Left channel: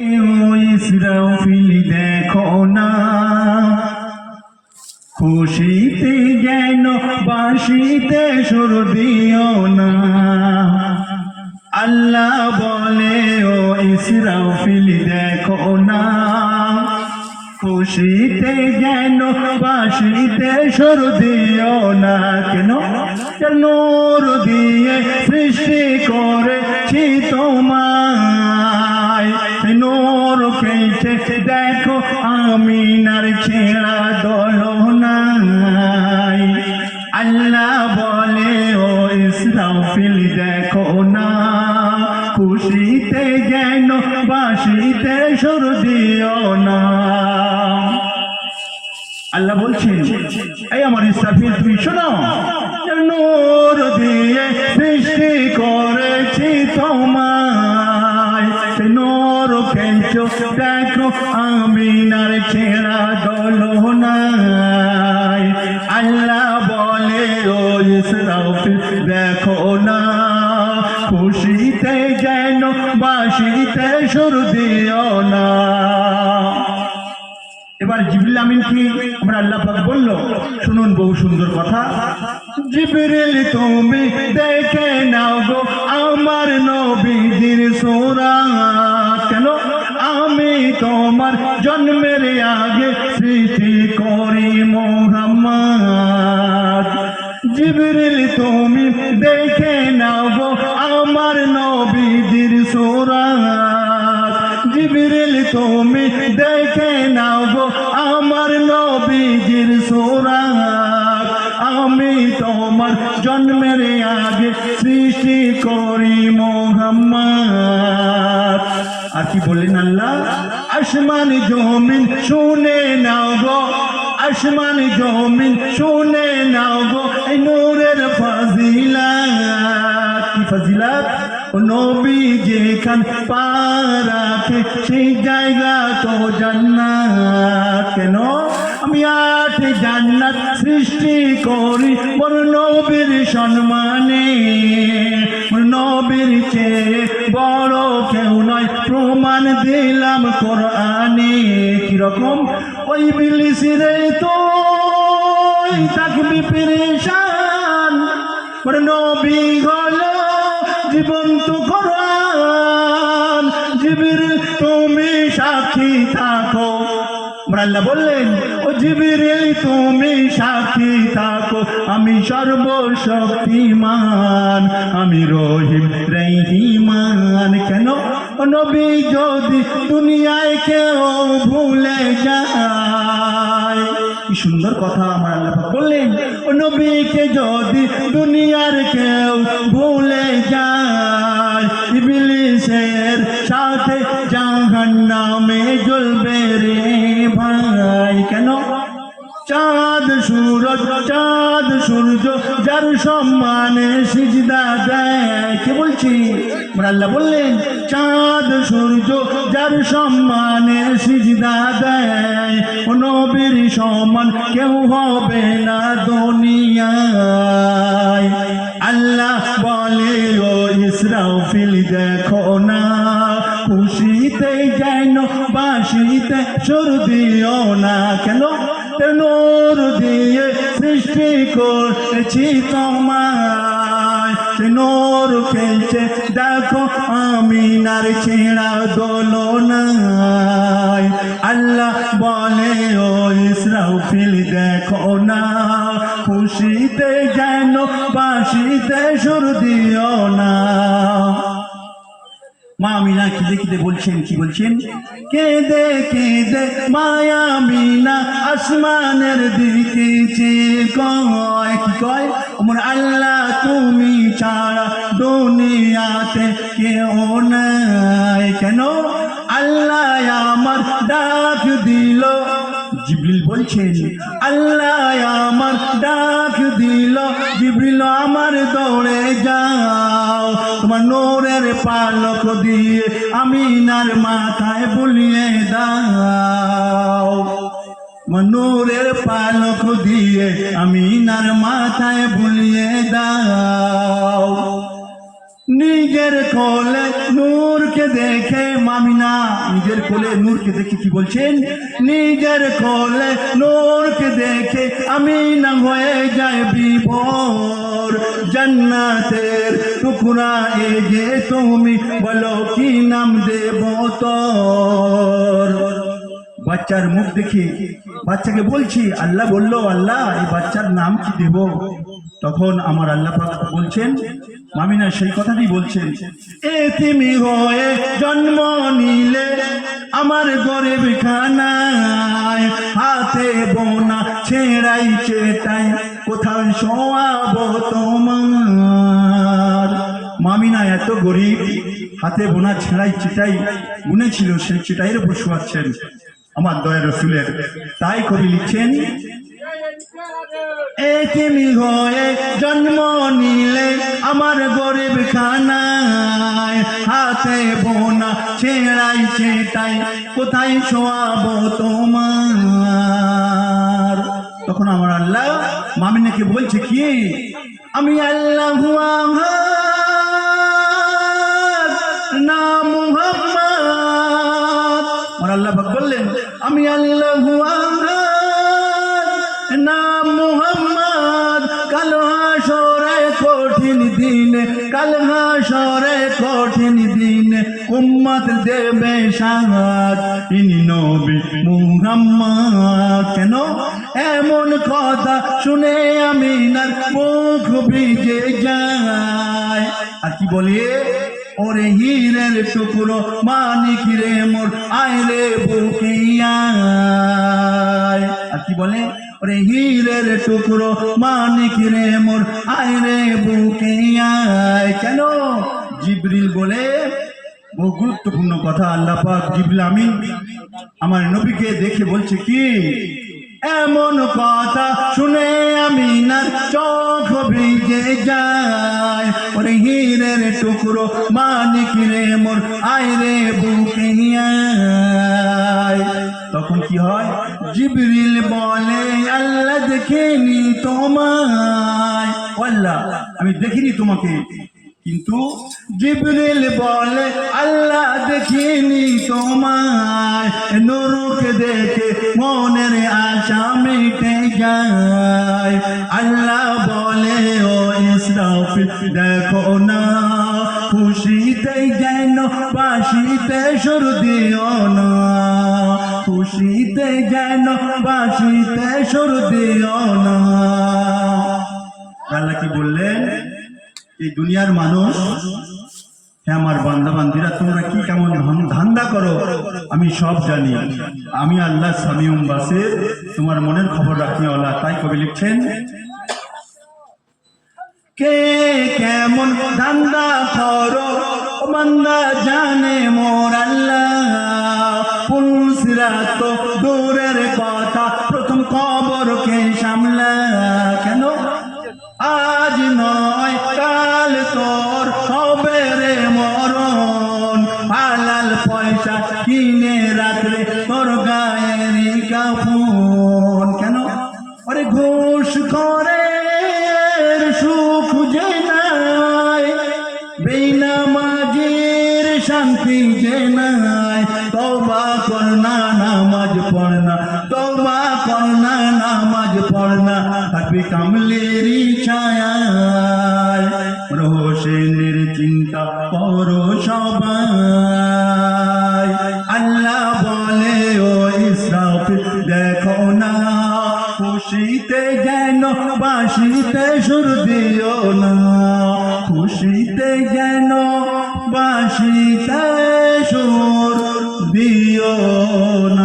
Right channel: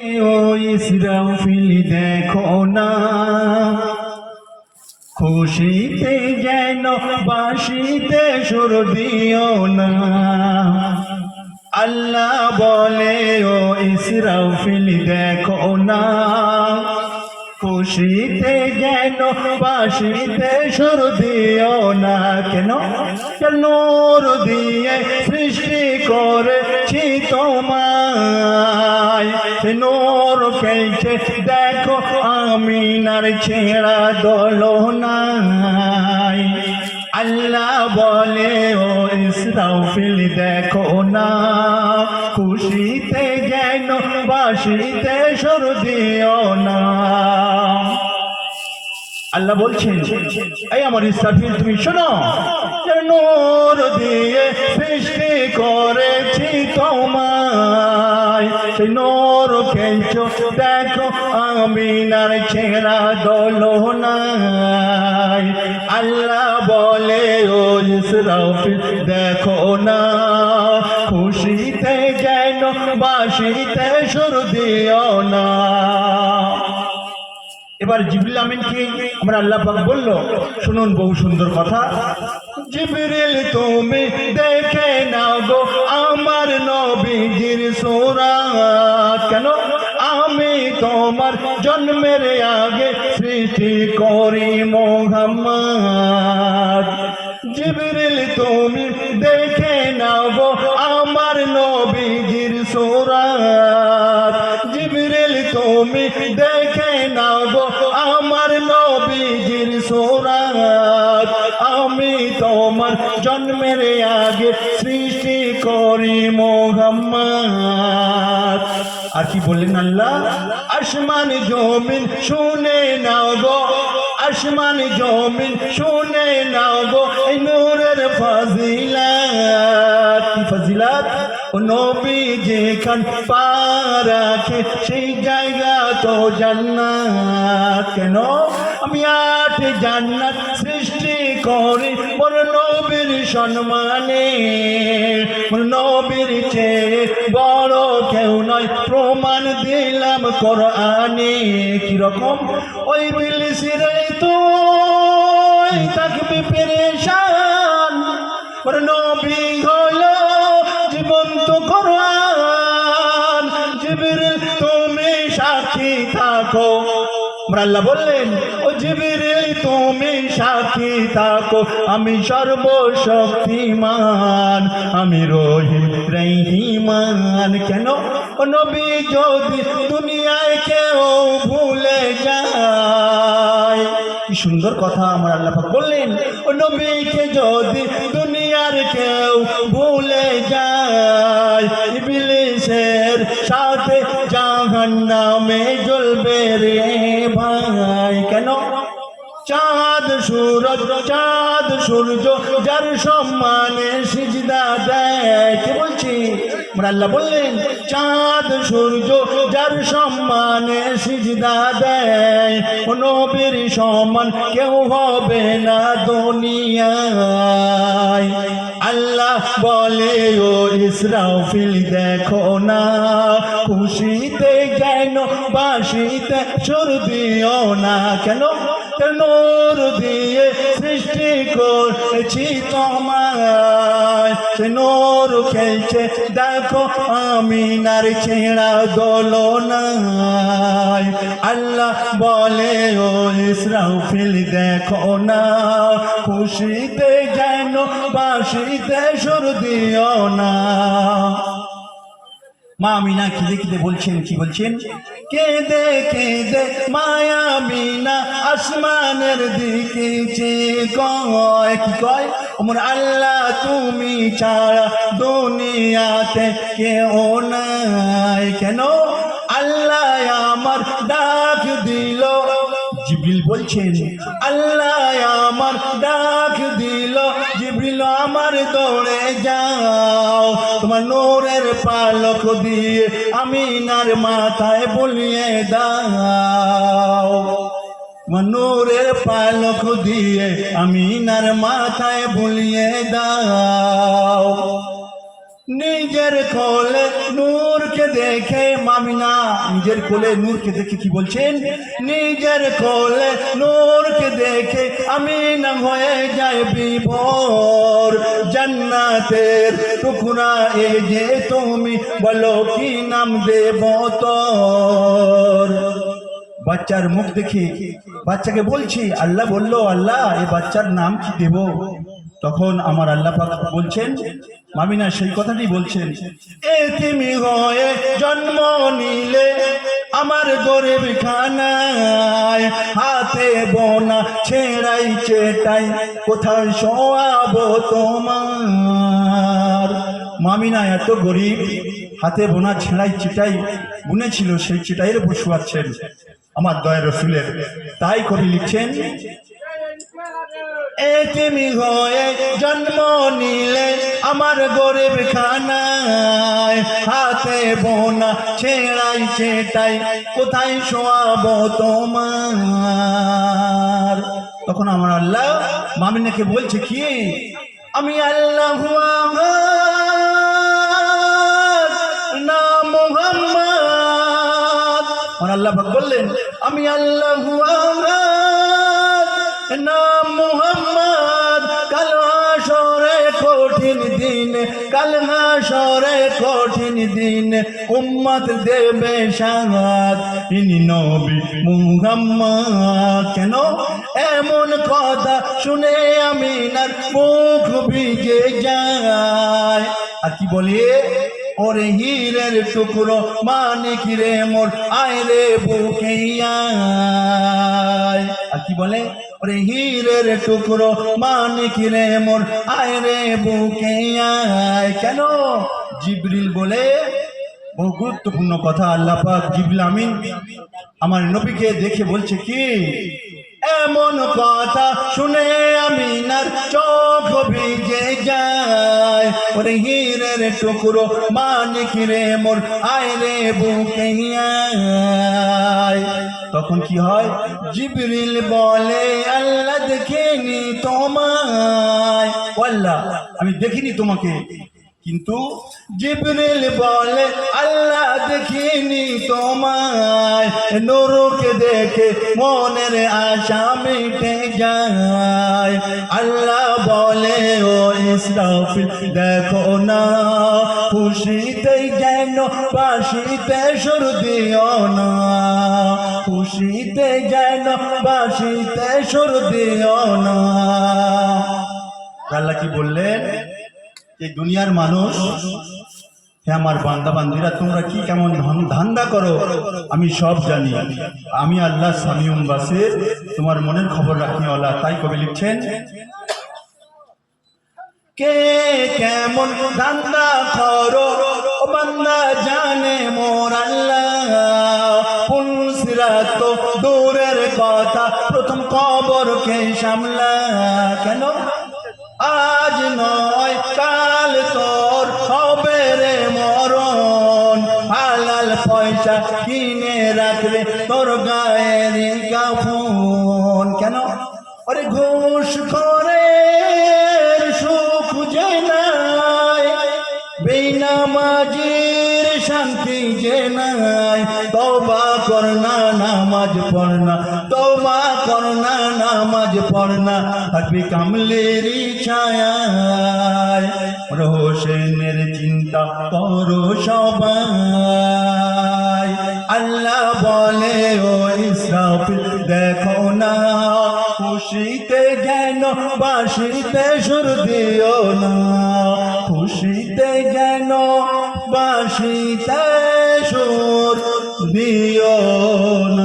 ও ইসরাফিল দেখো না, খুশিতে যেন বাঁশিতে সুর দিও না। আল্লাহ বলে ও ইসরাফিল দেখো না, খুশিতে যেন বাঁশিতে সুর দিও না। কেন? নূর দিয়ে সৃষ্টি করেছি তোমায়, নূর খেলছে দেখো আমিনার ছেঁড়া দোলনায়। আল্লাহ বলে ও ইসরাফিল দেখো না, খুশিতে যেন বাঁশিতে সুর দিও না। আল্লাহ বলছেন, এই আমার ইসরাফিল তুমি শোনো, নূর দিয়ে সৃষ্টি করেছি তোমায়, নূর খেলছো দেখো আমিনার ছেঁড়া দোলনায়। আল্লাহ বলে ও ইসরাফিল দেখো না, খুশিতে যেন বাঁশিতে সুর দিও না। এবার জিবরিল আমিনকে আমার আল্লাহ পাক বলল, শুনুন বহু সুন্দর কথা। জিবরিল তুমি দেখে নাও আমার নবীজির সূরাত। কেন? আমি তোমার জন্মের আগে সৃষ্টি করি মুহাম্মদ। জিবরিল তুমি দেখে নাও আমার নবীজির সূরাত। জিবরিল তুমি দেখে নাও আমার নবীজির সূরাত। আমি তোমার জন্মের আগে সৃষ্টি করি মুহাম্মদ। আর কি বললেন আল্লাহ? আসমান জমিন শুনে নাও, আসমান জমিন শুনে নাও এই নূরের ফাজিলাত। কি ফাজিলাত? নবী যেখান পা রাখে সেই জায়গা তো জান্নাত। কেন? আমি 8 জান্নাত সৃষ্টি করি মোর নবীর সম্মানে। মোর নবীর চেয়ে বড় কেউ নয়, প্রমাণ দিলাম কোরআনে। কিরকম? ওই বিলিসিরে তুই থাকবি পেরেশান, মোর নবী হলো জীবন্ত কোরআন। জিবরিল তুমি সাক্ষী থাকো। আল্লাহ বললেন, ও জিবরিল তুমি সাক্ষী থাকো, আমি সর্বশক্তিমান, আমি রহিম রহিমান। কেন? ও নবী যদি দুনিয়ায় কেউ ভুলে যায়, কি সুন্দর কথা আমার আল্লাহ বললেন, ও নবীকে যদি দুনিয়ার কেউ ভুলে যায়, ইবলিসের সাথে জাহান্নামে জ্বলবে রে ভাই। কেন? চাঁদ সূর্য যার সম্মানে সিজদা দেয়। কি বলছি? আল্লাহ বললেন, চাঁদ সূর্য যার সম্মানে সিজদা দেয়, নবীর সমান কেউ হবে না দুনিয়ায়। আল্লাহ বলে ও ইসরাফিল দেখো না, খুশিতে যেন বাঁশিতে সুর দিও না। কেন? নূর দিয়ে সৃষ্টি করেছি তোমায়, নূর খেলছে দেখো আমিনার ছেঁড়া দোলনায়। আল্লাহ বলে ও ইসরাফিল দেখো না, খুশিতে যেন বাঁশিতে সুর দিও না। মা আমিনা কেঁদে কেঁদে বলছেন, কি বলছেন? কেঁদে কেঁদে মায়া আমিনা আসমানের দিকে চেয়ে কয়, কি কয়? মোর আল্লাহ তুমি ছাড়া দুনিয়াতে কেউ নাই। কেন? আল্লাহ আমার ডাক দিল। জিবরিল বলছেন, আল্লাহ আমার ডাক দিল, জিবরিল আমার দৌড়ে যাও, তোমার নূরের পালক দিয়ে আমিনার মাথায় বলিয়ে দাও। নূরের পালক দিয়ে আমিনার মাথায় বলিয়ে দাও। নিজের কোলে নূরকে দেখে মামিনা নিজের নিজের কোলে নূরকে দেখে কি বলছেন, নিজের কোলে নূরকে দেখে আমি না হয়ে যায় বিভোর, জান্নাতের টুকরা এই যে তুমি, বলো কি নাম দেব তোর। বাচ্চার মুখ দেখে বাচ্চাকে বলছি, আল্লাহ বলল, আল্লাহ এই বাচ্চার নাম কি দেব? তখন আমার আল্লাহ পাক বলছেন, আমিনা সেই কথাটি বলছেন, এতিমি হয়ে জন্ম নিলে আমার গরিব খানায়, হাতে বোনা ছেঁড়াই চেটাই কোথায় শোয়াবো তোমার। মামিনা এত গরিব, হাতে বোনা ছেঁড়াই চিটাই বুনেছিল, সেই চিটাইয়ের উপর শোয়াচ্ছেন আমার দয়া রসুলের। তাই কবি লিখছেন, এতিমি হয়ে জন্ম নিলে আমার গরিব খানায়, হাতে বোনা ছেঁড়াই চেটাই কোথায় শোয়াবো তোমার। তখন আমার আল্লাহ মামিনাকে বলছে কি, আমি আল্লাহ নাম মুহাম্মদ। আমার আল্লাহ বললেন, আমি আল্লাহ নাম মুহাম্মদ। কাল হাসরে কঠিন দিন, কাল হাসরে কঠিন দিন উম্মত দেবে সাহায্য, ইনি নবী মুহাম্মদ। কেন এমন কথা শুনে আমিনার মুখ ভিজে যায়। আর কি বলে, ওরে হীরের টুকরো মানিক রে মোর আয় রে বুকে আয়। আর কি বলে, ওরে হীরের টুকরো মানিক রে মোর আয় রে বুকে আয়। কেন? জিবরিল বলে, বহু গুরুত্বপূর্ণ কথা। আল্লাহ পাক জিবরিল আমিন আমার নবীকে দেখে বলছে কি, এমন কথা শুনে আমিনার চোখ ভিজে যায়, ওরে হীরের টুকরো মানিক রে মোর আয় রে বুকে আয়। তখন কি হয়, জিবরিল বলে, আল্লাহ দেখিনি তোমায়, আল্লাহ আমি দেখিনি তোমাকে। কিন্তু জিবরিল বলে, আল্লাহ দেখিনি তোমায়, নূরকে দেখে মনের আশা মিটে যায়। আল্লাহ বলে, ও ইসরাফিল দেখো না, খুশিতে যেন বাঁশিতে সুর দিও না, খুশিতে যেন বাঁশিতে সুর দিও না। আল্লাহ কি বললেন, এই দুনিয়ার মানুষ, হে আমার বান্দা বান্দিরা, তোমরা কি কেমন ধান্দা করো আমি সব জানি। আমি আল্লাহ সামিউম বাসির, তোমার মনের খবর রাখি আল্লাহ। তাই কবি লিখছেন, কে কেমন ধান্দা করো বান্দা জানে মোর আল্লাহ, পুলসিরাত তো দূরের কথা, প্রথম খবরকে সামলা। কেন? আজ নয় কাল তোর হবে রে মরণ, হালাল পয়সা কিনে রাখলে তোর গায়ের কাফন। কেন? ওরে ঘুষ খোরের সুখ যে নাই, বেনামাজির শান্তি যে নাই, তওবা কর না নামাজ পড় না, তওবা কর না নামাজ পড় না, থাকবি কামলেরই ছায়ায়, রোশনের চিন্তা করো সবাই। আল্লাহ বলে, ও ইসরাফিল দেখো না, খুশিতে যেন বাঁশিতে সুর দিও না, খুশিতে যেন বাঁশিতে সুর দিও না।